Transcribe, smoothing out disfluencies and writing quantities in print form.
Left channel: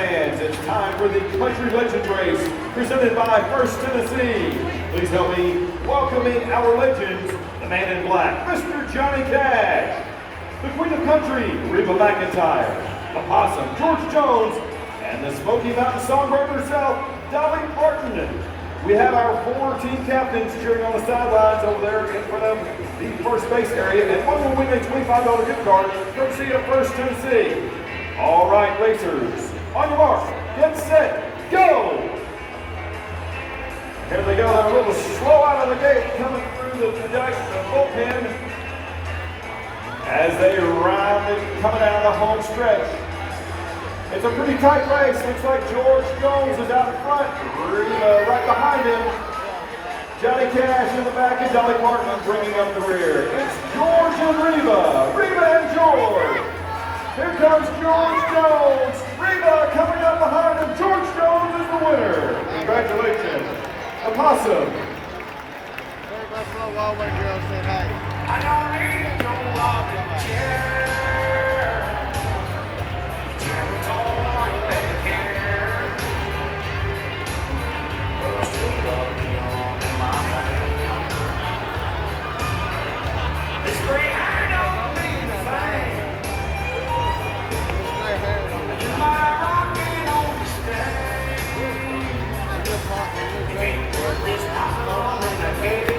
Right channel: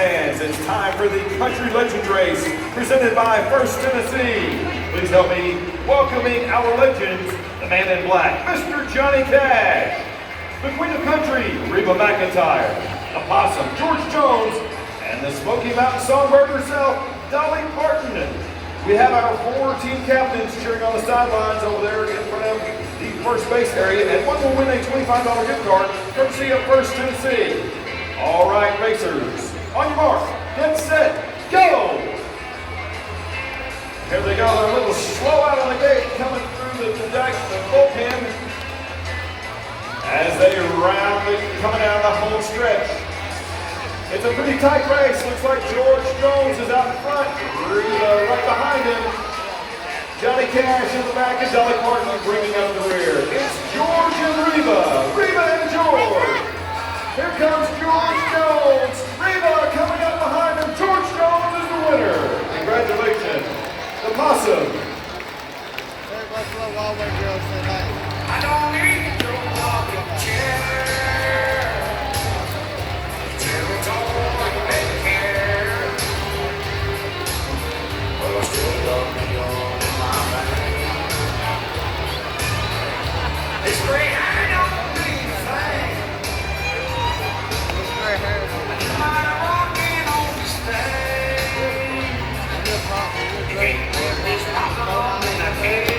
Fans, it's time for the Country Legends Race presented by First Tennessee. Please help me welcoming our legends, the man in black, Mr. Johnny Cash, the Queen of Country, Reba McEntire, the Possum, George Jones, and the Smoky Mountain Songbird herself, Dolly Parton. We have our 4 team captains cheering on the sidelines over there in front of the first base area, and one will win a $25 gift card courtesy of First Tennessee. All right, racers, on your mark, get set, go! Here they go, they're a little slow out of the gate, coming through the bullpen as they round it, coming out of the home stretch. It's a pretty tight race. Looks like George Jones is out in front, Reba right behind him. Johnny Cash in the back and Dolly Parton bringing up the rear. It's George and Reba, Reba and George. Here comes George Jones. Reba coming up behind him. George Jones is the winner. Congratulations. The Possum. I don't need no rocking chair. It's all like bed hair. But I still love the young in my life. This gray hair don't mean a thing. Am I rocking on this thing? You can't put this possum on in a cage.